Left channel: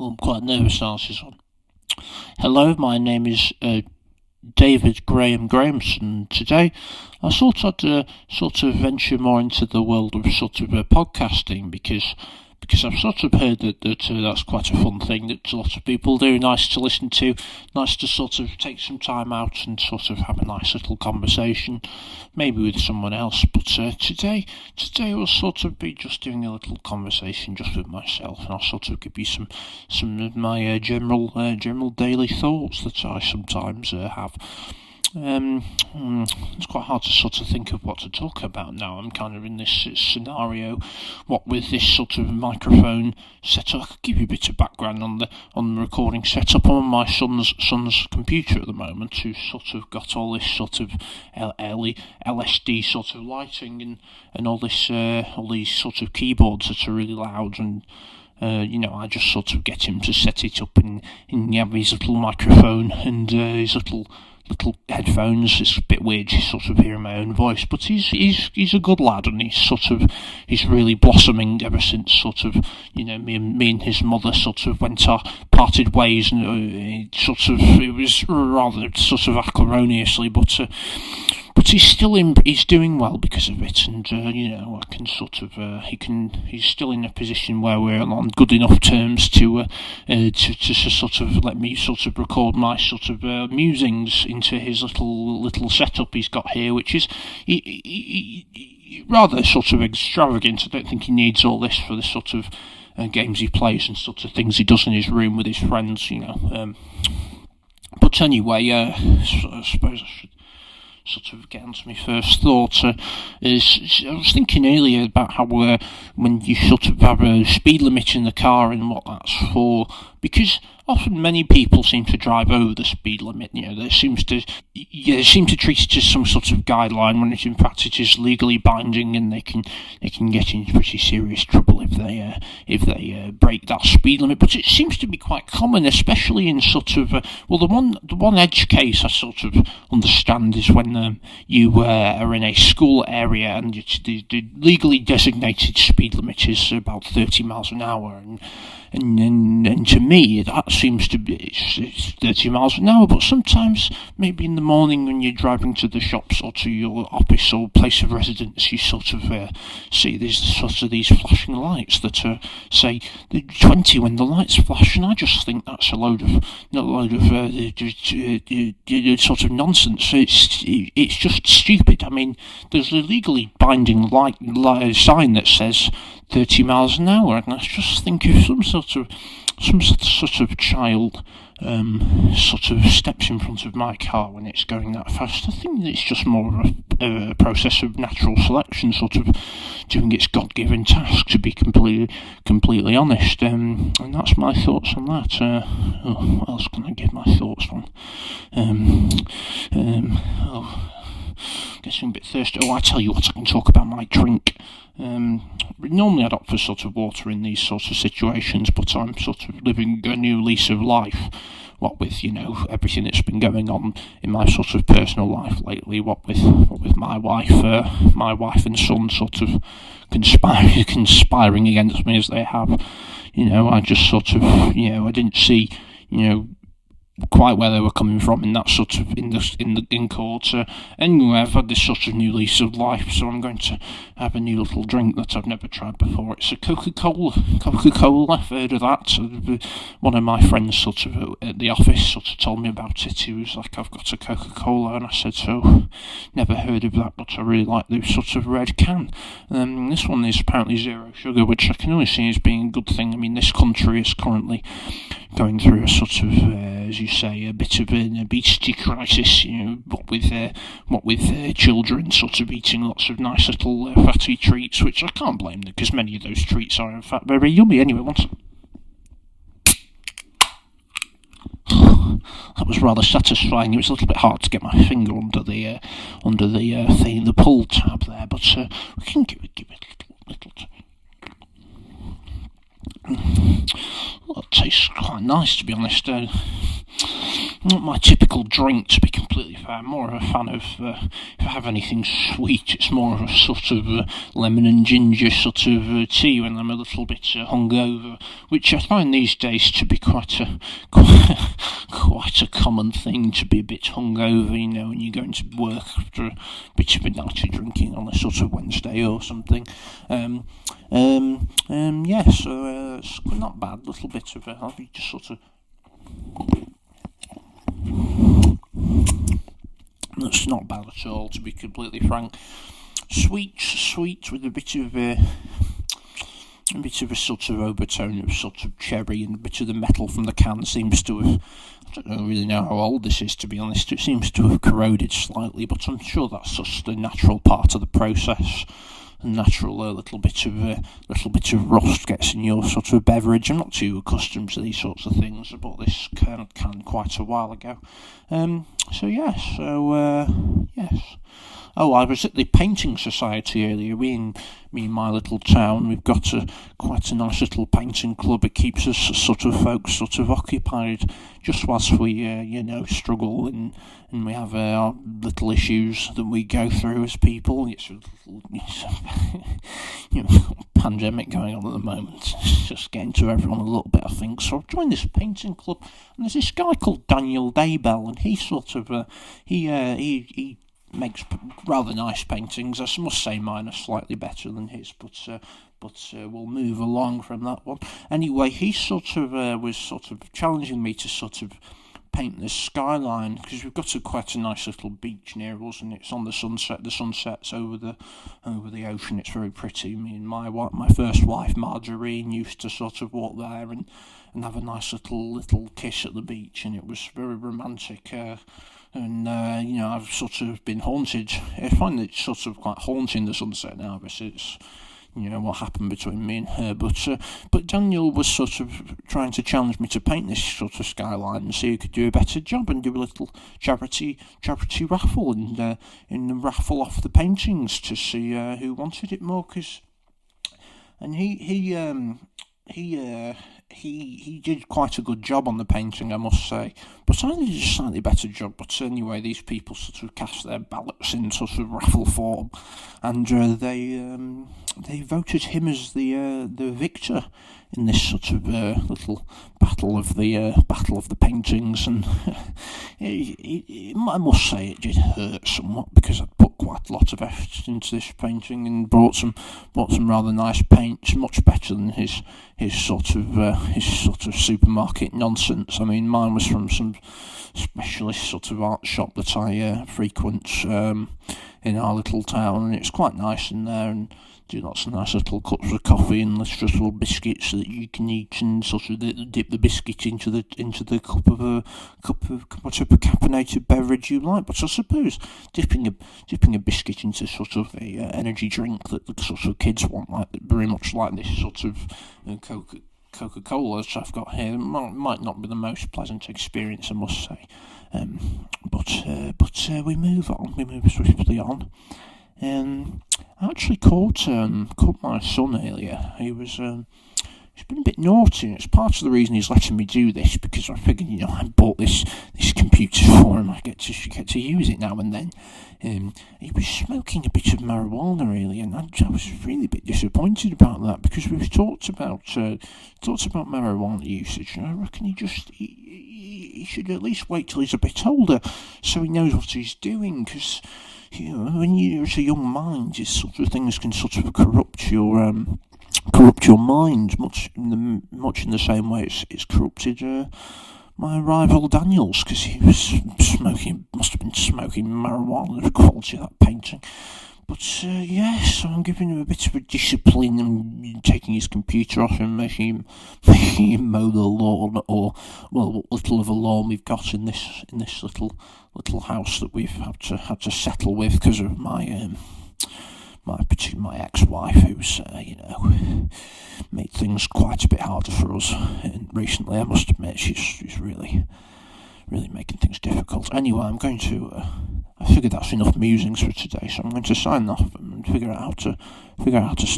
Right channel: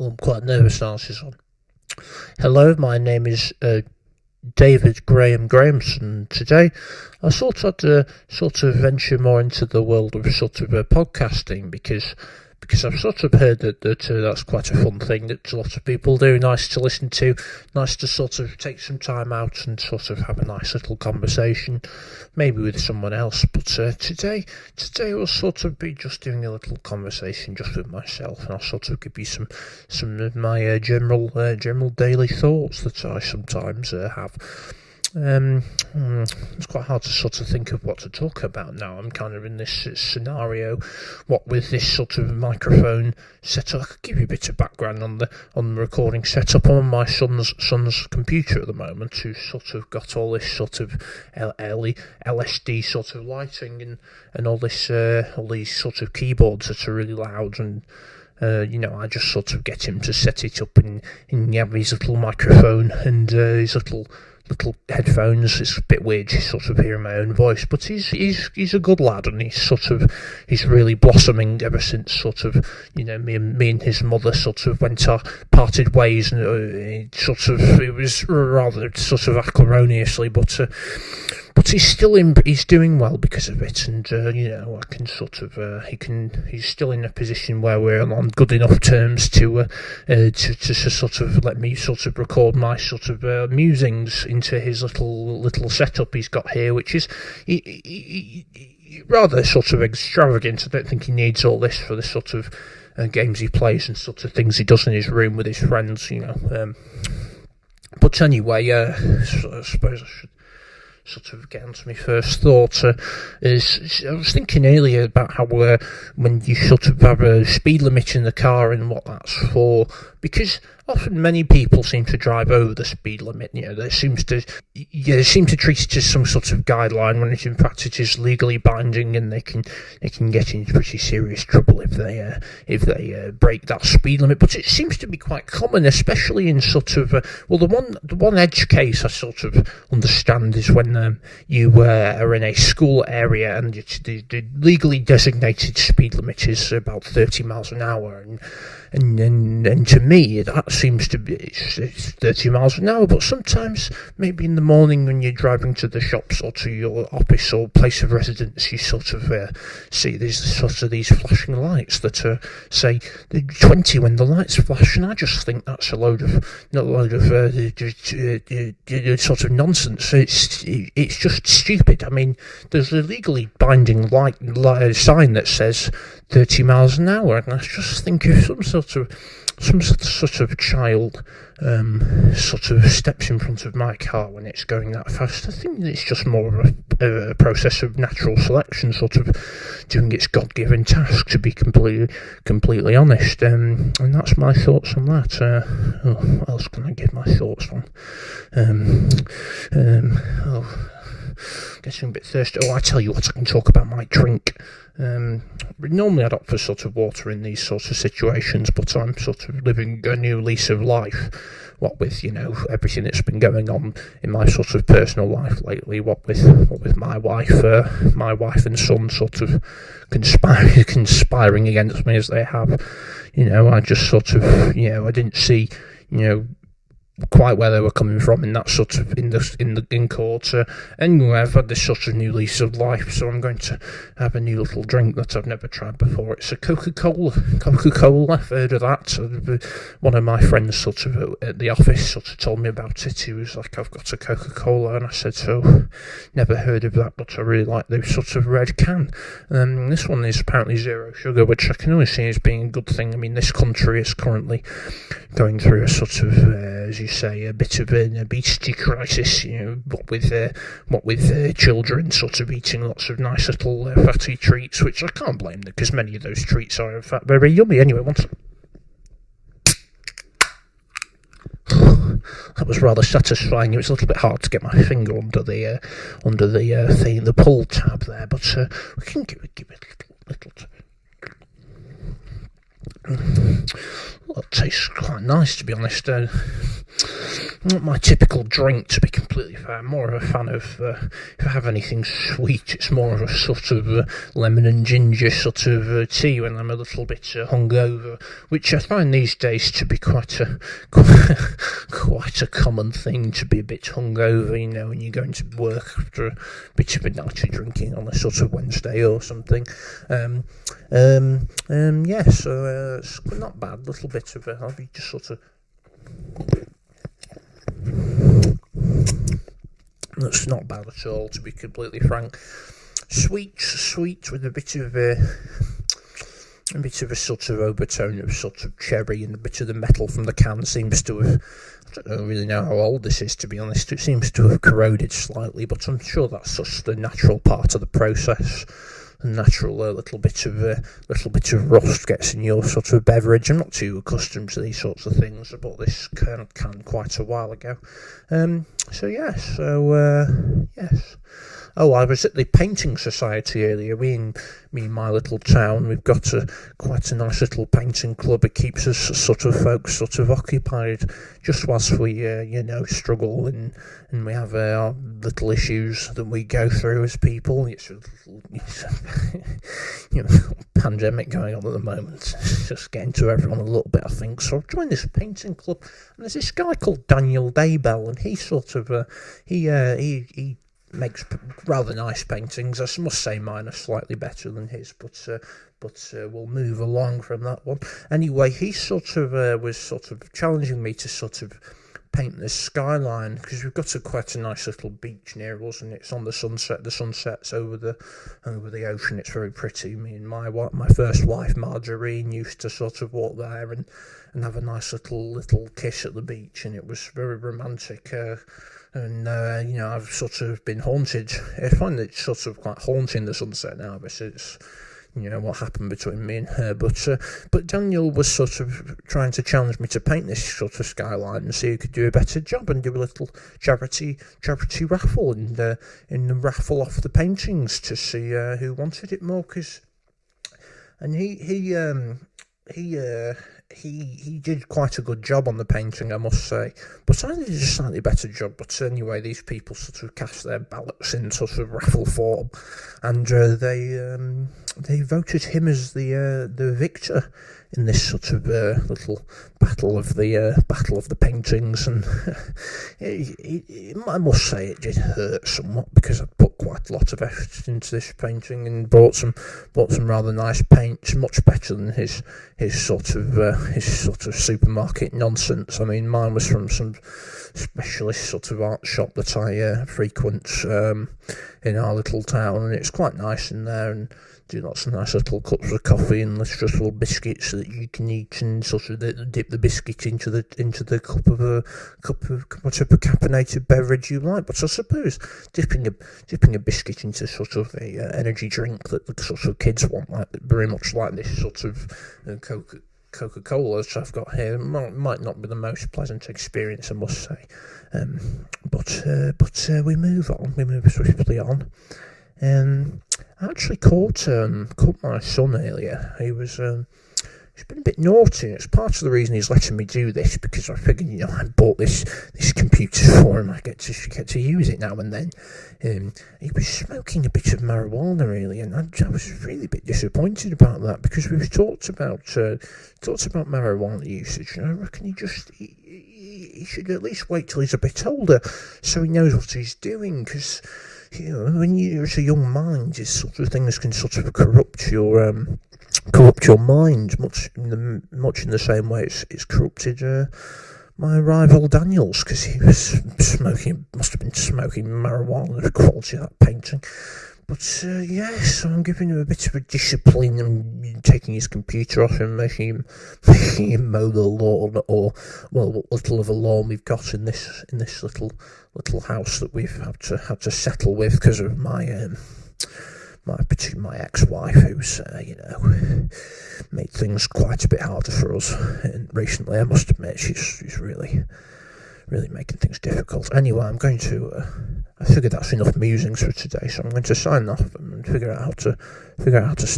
I'm quite nervous now. This is on. Hello, my name is David Grahamson. Today, I thought I'd sort of venture more into the world of podcasting because I've sort of heard that that's quite a fun thing that a lot of people do. Nice to listen to, nice to sort of take some time out and sort of have a nice little conversation, maybe with someone else. But today we'll sort of be just doing a little conversation just with myself, and I'll sort of give you some of my general daily thoughts that I sometimes have. It's quite hard to sort of think of what to talk about now. I'm kind of in this scenario, what with this sort of microphone setup. I could give you a bit of background on the recording setup. on my son's computer at the moment, who's sort of got all this sort of LSD sort of lighting and all this all these sort of keyboards that are really loud and. I just sort of get him to set it up and have his little microphone and his little headphones. It's a bit weird just sort of hearing my own voice, but he's a good lad, and he's really blossoming ever since sort of me and his mother sort of went our parted ways, and it was rather sort of acrimoniously, but he's doing well because of it, and I can sort of he's still in a position where we're on good enough terms to sort of let me sort of record my sort of musings into his little setup he's got here, which is rather sort of extravagant. I don't think he needs all this for the sort of games he plays and sort of things he does in his room with his friends, But anyway, I suppose I should sort of get onto my first thought. Is I was thinking earlier about how when you sort of have a speed limit in the car and what that's for, because often many people seem to drive over the speed limit. They seem to treat it as some sort of guideline when in fact it is legally binding, and they can get into pretty serious trouble if they break that speed limit. But it seems to be quite common, especially in sort of the one edge case I sort of understand is when you are in a school area and the legally designated speed limit is about 30 miles an hour, and to me that seems to be it's 30 miles an hour, but sometimes maybe in the morning when you're driving to the shops or to your office or place of residence, you sort of see there's sort of these flashing lights that say 20 when the lights flash, and I just think that's a load of sort of nonsense. It's just stupid. I mean, there's a legally binding light sign that says 30 miles an hour, and I just think if some sort of child sort of steps in front of my car when it's going that fast, I think it's just more of a process of natural selection sort of doing its God-given task, to be completely honest, and that's my thoughts on that. What else can I give my thoughts on? Getting a bit thirsty. I tell you what, I can talk about my drink. Normally I'd opt for sort of water in these sorts of situations, but I'm sort of living a new lease of life, what with everything that's been going on in my sort of personal life lately, what with my wife and son sort of conspiring against me as they have. I just sort of I didn't see quite where they were coming from in that sort of in court. Anyway, I've had this sort of new lease of life, so I'm going to have a new little drink that I've never tried before. It's a Coca-Cola. I've heard of that. One of my friends sort of at the office sort of told me about it. He was like, "I've got a Coca-Cola," and I said, "So, never heard of that, but I really like the sort of red can." This one is apparently zero sugar, which I can only see as being a good thing. I mean, this country is currently going through a sort of, as you say, a bit of an obesity crisis. What with children sort of eating lots of nice little fatty treats, which I can't blame them because many of those treats are in fact very yummy. Anyway, that was rather satisfying. It was a little bit hard to get my finger under the thing, the pull tab there, but we can give it a little. Well, it tastes quite nice, to be honest. not my typical drink, to be completely fair. I'm more of a fan of, if I have anything sweet, it's more of a sort of lemon and ginger sort of tea when I'm a little bit hungover, which I find these days to be quite a quite a common thing, to be a bit hungover, you know, when you're going to work after a bit of a night of drinking on a sort of Wednesday or something. Yeah, so it's not bad. Little bit of I'll be just sort of. That's not bad at all, to be completely frank. Sweet with a bit of a sort of overtone of sort of cherry, and a bit of the metal from the can seems to have. I don't really know how old this is, to be honest. It seems to have corroded slightly, but I'm sure that's just the natural part of the process. A natural little bit of rust gets in your sort of beverage. I'm not too accustomed to these sorts of things. I bought this can quite a while ago. Yes. Oh, I was at the painting society earlier. Me and my little town, we've got quite a nice little painting club. It keeps us folks occupied just whilst we struggle and we have our little issues that we go through as people. It's pandemic going on at the moment. It's just getting to everyone a little bit, I think. So I've joined this painting club, and there's this guy called Daniel Daybell, and he he makes rather nice paintings. I must say mine are slightly better than his, but we'll move along from that one. Anyway, he was challenging me to paint the skyline, because we've got quite a nice little beach near us, and it's on the sunset. The sunset's over the ocean. It's very pretty. Me and my first wife Margarine used to walk there and have a nice little kiss at the beach, and it was very romantic. I've been haunted. I find it quite haunting, the sunset now, because it's what happened between me and her. But Daniel was trying to challenge me to paint this skyline and see who could do a better job, and do a little charity raffle, and raffle off the paintings to see who wanted it more. And he did quite a good job on the painting, I must say, but I did a slightly better job. But anyway, these people cast their ballots in raffle form, and they voted him as the victor in this little battle of the paintings. And I must say it did hurt somewhat, because I put quite a lot of effort into this painting and bought some rather nice paints, much better than his supermarket nonsense. I mean, mine was from some specialist art shop that I frequent in our little town, and it's quite nice in there, and do lots of nice little cups of coffee and little biscuits that you can eat, and dip the biscuit into the cup of whatever caffeinated beverage you like. But I suppose dipping a biscuit into a energy drink that the kids want, like very much like this Coca-Cola that I've got here, might not be the most pleasant experience, I must say. But we move on. We move swiftly on. I actually caught my son earlier. He's been a bit naughty, and it's part of the reason he's letting me do this, because I figured, I bought this computer for him. I get to use it now and then. He was smoking a bit of marijuana earlier, and I was really a bit disappointed about that, because we've talked about marijuana usage, and I reckon he should at least wait till he's a bit older, so he knows what he's doing, because when you're a young mind, these things can corrupt your mind, much in the same way it's corrupted my rival Daniel's, because he must have been smoking marijuana, the quality of that painting. But yes, I'm giving him a bit of a discipline, and taking his computer off him, making him mow the lawn, or what little of a lawn we've got in this little house that we've had to settle with because of my ex-wife, who's made things quite a bit harder for us. And recently, I must admit, she's really making things difficult. Anyway, I'm going to. I figured that's enough musings for today, so I'm going to sign off and figure out how to stop